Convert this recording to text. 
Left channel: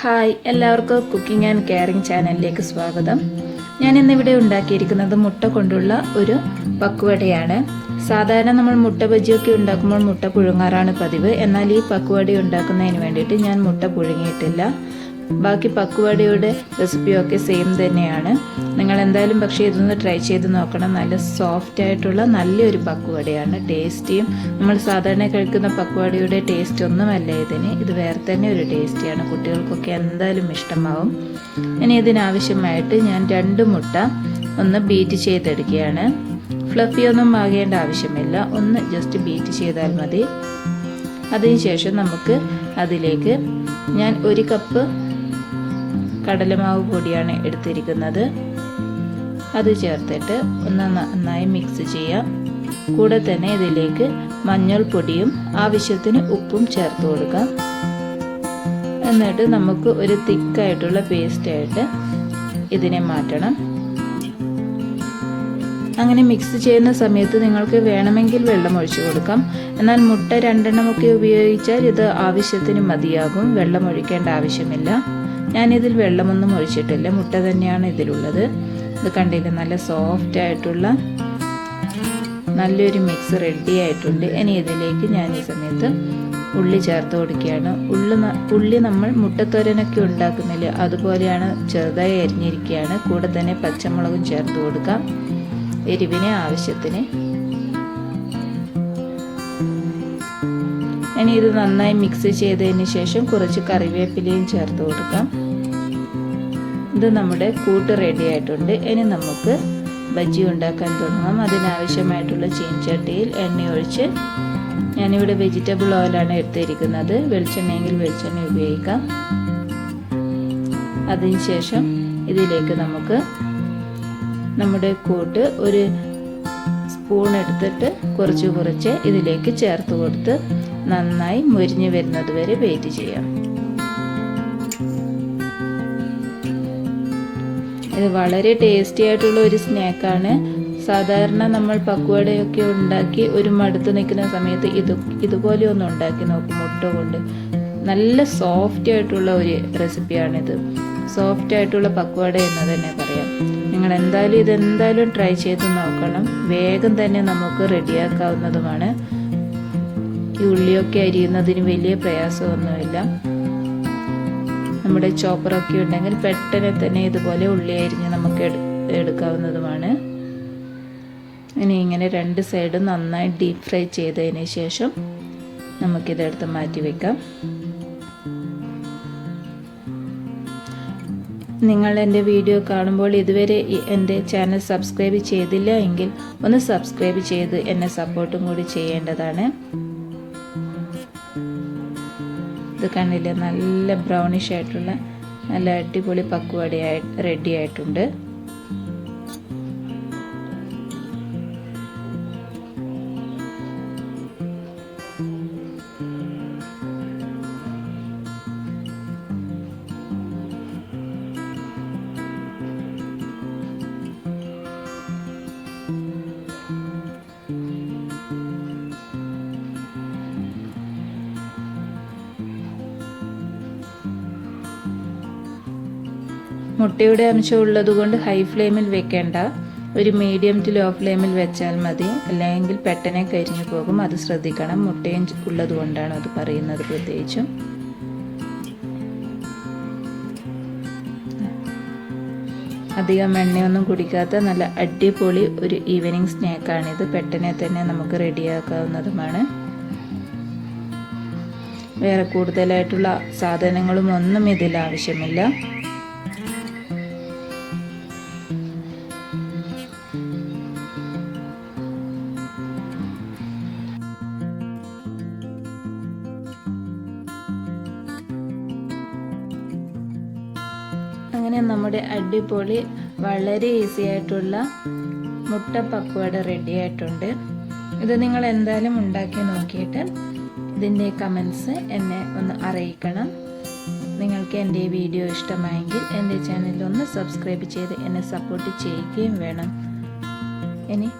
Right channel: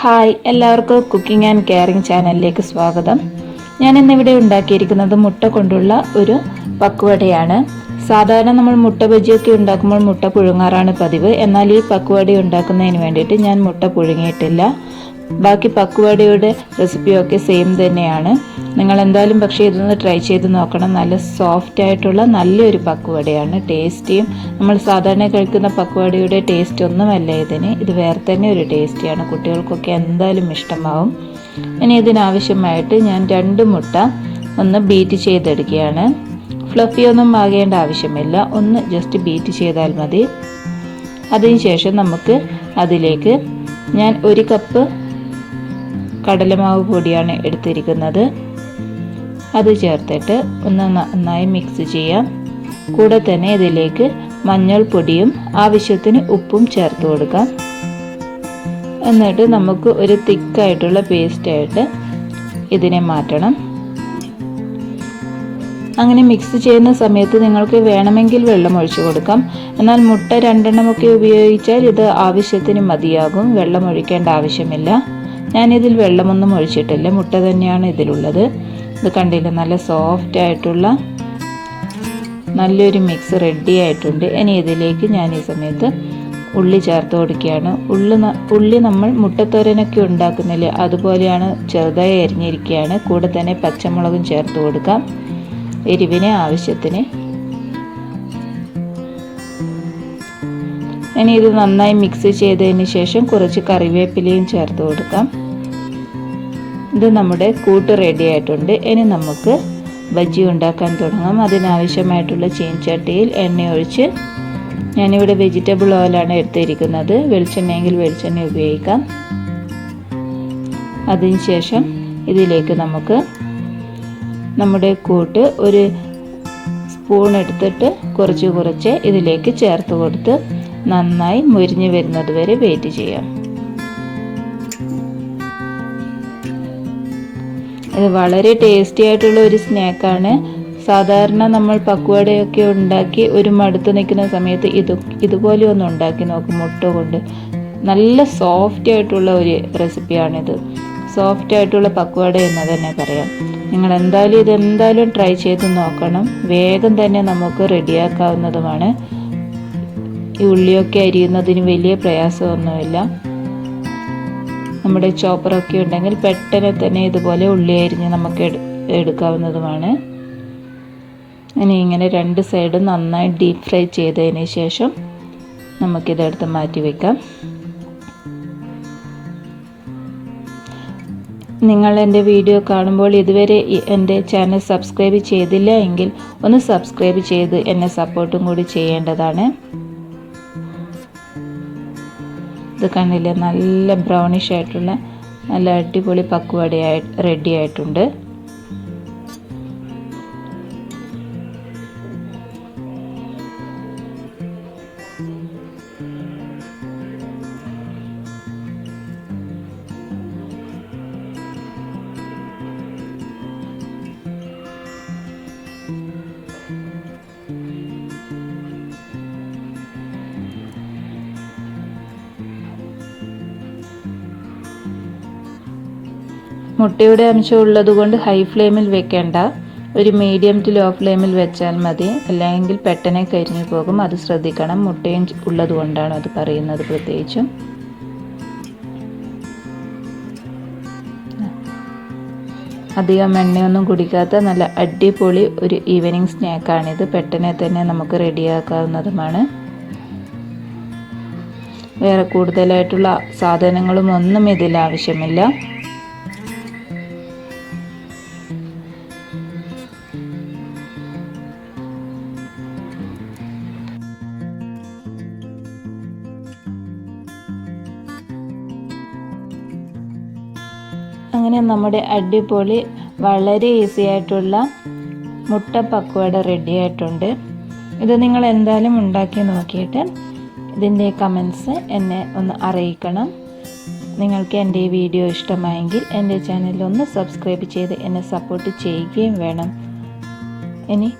Hi, എല്ലാവർക്കും cooking and caring ചാനലിലേക്ക് സ്വാഗതം. ഞാൻ ഇന്നിവിടെ ഉണ്ടാക്കിയിരിക്കുന്നത് മുട്ട കൊണ്ടുള്ള ഒരു പക്കുവടയാണ്. സാധാരണ നമ്മൾ മുട്ട ബജിയൊക്കെ ഉണ്ടാക്കുമ്പോൾ മുട്ട പുഴുങ്ങാറാണ് പതിവ്. എന്നാൽ ഈ പക്കുവട ഉണ്ടാക്കുന്നതിന് വേണ്ടിയിട്ട് ഞാൻ മുട്ട പുഴുങ്ങിയിട്ടില്ല. ബാക്കി പക്കുവടയുടെ റെസിപ്പിയൊക്കെ സെയിം തന്നെയാണ്. നിങ്ങൾ എന്തായാലും പക്ഷേ ഇതൊന്ന് ട്രൈ ചെയ്ത് നോക്കണം. നല്ല സോഫ്റ്റ് ആയിട്ടുള്ള നല്ലൊരു പക്കുവടയാണ്. ടേസ്റ്റിയും നമ്മൾ സാധാരണ കഴിക്കുന്ന പക്കുവടയുടെ ടേസ്റ്റ് ഒന്നുമല്ല ഇതിന്. ഇത് വേറെ തന്നെ ഒരു ടേസ്റ്റിയാണ്. കുട്ടികൾക്കൊക്കെ എന്തായാലും ഇഷ്ടമാവും. ഇനി ഇതിനാവശ്യമായിട്ട് ഞാൻ 2 മുട്ട ഒന്ന് ബീറ്റ് ചെയ്തെടുക്കുകയാണ്. ഫ്ലഫി ഒന്നും ആകേണ്ട ആവശ്യമില്ല, ഒന്ന് ജസ്റ്റ് ബീറ്റ് ചെയ്താൽ മതി. അതിനുശേഷം നമുക്ക് അതിലേക്ക് ഞാൻ 1 കപ്പ് കടലമാവ് പൊടിയാണ് എടുത്തിരിക്കുന്നത്. അത് ചേർത്തിട്ട് ഒന്ന് നന്നായി മിക്സ് ചെയ്യാം. കൂടെ തന്നെ ഇതിലേക്ക് മഞ്ഞൾപ്പൊടിയും ആവശ്യത്തിന് ഉപ്പും ചേർത്ത് കൊടുക്കാം. എന്നിട്ട് നമുക്ക് ഒരു തിക്കായിട്ടുള്ള പേസ്റ്റായിട്ട് ഇതിനെ മാറ്റണം. അങ്ങനെ മിക്സ് ചെയ്യുന്ന സമയത്ത് നിങ്ങൾക്ക് വേണമെങ്കിൽ വെള്ളം ഒഴിച്ചു കൊടുക്കാം. എന്നാൽ മുട്ട 2 എണ്ണമൊക്കെ ഉപയോഗിച്ചാൽ ഇത് ആവശ്യത്തിന് മതിയാകും. വെള്ളം ഒഴിക്കേണ്ട ആവശ്യമില്ല. ഞാനിതിൽ വെള്ളമൊന്നും ഒഴിച്ചിട്ടില്ല, മുട്ട തന്നെയാണ് ഇതിലുള്ളത്. ഇത് കണ്ടില്ല, നല്ല സോഫ്റ്റ് ആയിട്ടുള്ള നല്ലൊരു മിക്സ് റെഡി ആയിട്ടുണ്ട്. ഇനി ഇതിലേക്ക് ഞാൻ ഈ സമയത്ത് ഉള്ളി ചേർത്ത് കൊടുക്കുകയാണ്. ഉള്ളി നമ്മൾ മുട്ടത്തോരനൊക്കെ ഉണ്ടാക്കുന്നില്ലേ, അതുപോലെയാണ് ചെറുതായി അരിഞ്ഞിരിക്കുകയാണ്. കൂടെ തന്നെ പച്ചമുളകും ചേർത്ത് കൊടുക്കാം, എരിവിന് ആവശ്യത്തിന്. ഇനി ഇത് നന്നായി മിക്സ് ചെയ്തതിന് ശേഷം കുറച്ച് കറിവേപ്പിലയും ചേർത്ത് കൊടുക്കാം. ഇത് നമ്മുടെ കൂട്ട് റെഡി ആയിട്ടുണ്ട്. ഇനി നമുക്ക് ബജ്ജി ഉണ്ടാക്കാൻ തുടങ്ങാം. അതിനാവശ്യമായിട്ടുള്ള ചീനച്ചട്ടിയിൽ എണ്ണ ഒഴിച്ച്, ഞാനിവിടെ വെജിറ്റബിൾ ഓയിലാണ് എടുത്തിരിക്കുന്നത്. വെളിച്ചെണ്ണയെങ്കിൽ വെളിച്ചെണ്ണ ഉപയോഗിക്കാം. അതിനുശേഷം ഇതിലേക്ക് നമുക്ക് നമ്മുടെ കൂട്ട് ഒരു സ്പൂൺ എടുത്തിട്ട് കുറച്ച് ഇതിലേക്ക് ചേർത്ത് കൊടുത്ത് നന്നായി മുരിഞ്ഞു വരുന്നത് വരെ വെയിറ്റ് ചെയ്യാം. ഇത് വളരെ ടേസ്റ്റി ആയിട്ടുള്ള ഒരു സ്നാക്കാണ്. സാധാരണ നമ്മൾ പക്കുവടയൊക്കെ ഉണ്ടാക്കി ഒരു മടുത്ത് നിൽക്കുന്ന സമയത്ത് ഇതുപോലെ ഒന്ന് ഉണ്ടാക്കി നോക്കും. മുട്ട കൊണ്ട് നല്ല സോഫ്റ്റ് ആയിട്ടുള്ള ഒരു റെസിപ്പിയാണിത്. സോഫ്റ്റ് ആയിട്ടുള്ള പക്കുവട എന്ന് തന്നെ പറയാം. നിങ്ങൾ ഇതെന്തായാലും ട്രൈ ചെയ്ത് നോക്കണം. വേഗം തന്നെ നമുക്ക് റെഡിയാക്കാവുന്നതുമാണ്. ഈ ഉള്ളിയൊക്കെ അരിയുന്നതിന് വലിയ പ്രയാസമൊന്നുമില്ല. നമ്മുടെ ചോപ്പറൊക്കെ ഉണ്ടെങ്കിൽ പെട്ടെന്ന് തന്നെ ഇതുപോലെ ഉള്ളി അരിഞ്ഞ് നമുക്ക് എടുക്കാവുന്നതുമാണ്. ഇനി ഇങ്ങനെ 2 സൈഡും നന്നായി ഡീപ്പ് ഫ്രൈ ചെയ്തതിന് ശേഷം നമുക്കിതെടുത്ത് മാറ്റി വെക്കാം. നിങ്ങൾ എൻ്റെ വീഡിയോ കാണുമ്പോൾ ഇതുവരെ എൻ്റെ ചാനൽ സബ്സ്ക്രൈബ് ചെയ്തില്ല എങ്കിൽ ഒന്ന് സബ്സ്ക്രൈബ് ചെയ്ത് എന്നെ സപ്പോർട്ടും കൂടി ചെയ്യേണ്ടതാണ്. ഇത് കണ്ടില്ലേ, നല്ല ബ്രൗണിഷ് ആയിട്ടുള്ള നല്ല അടിപൊളി പക്കുവട റെഡി ആയിട്ടുണ്ട്. മുട്ടയുടെ അംശം ഉള്ളതുകൊണ്ട് ഹൈ ഫ്ലെയിമിൽ വെക്കേണ്ട, ഒരു മീഡിയം ടു ലോ ഫ്ലെയിമിൽ വെച്ചാൽ മതി. അല്ലെങ്കിൽ പെട്ടെന്ന് കരിഞ്ഞു പോകും, അത് ശ്രദ്ധിക്കണം. മുട്ടയും ഉള്ളത് കൊണ്ടാണ് അത് പറയുന്നത് പ്രത്യേകിച്ചും. അധികം എണ്ണയൊന്നും കുടിക്കാത്ത നല്ല അടിപൊളി ഒരു ഈവനിങ് സ്നാക്കാണിത്. പെട്ടെന്ന് തന്നെ നമുക്ക് റെഡിയാക്കാവുന്നതുമാണ്. വേറെ കൂടുതലായിട്ടുള്ള സാധനങ്ങളും ഒന്നും ഇതിൽ ആവശ്യമില്ല. അങ്ങനെ നമ്മുടെ അടിപൊളി വളരെ ഈസി ആയിട്ടുള്ള മുട്ട പക്കുവട റെഡി ആയിട്ടുണ്ട്. ഇത് നിങ്ങൾ എന്തായാലും ഉണ്ടാക്കി നോക്കിയിട്ട് ഇതിൻ്റെ കമൻസ് എന്നെ ഒന്ന് അറിയിക്കണം. നിങ്ങൾക്ക് എൻ്റെ ഈ വീഡിയോ ഇഷ്ടമായെങ്കിൽ എൻ്റെ ചാനൽ ഒന്ന് സബ്സ്ക്രൈബ് ചെയ്ത് എന്നെ സപ്പോർട്ട് ചെയ്യുകയും വേണം. ഇനി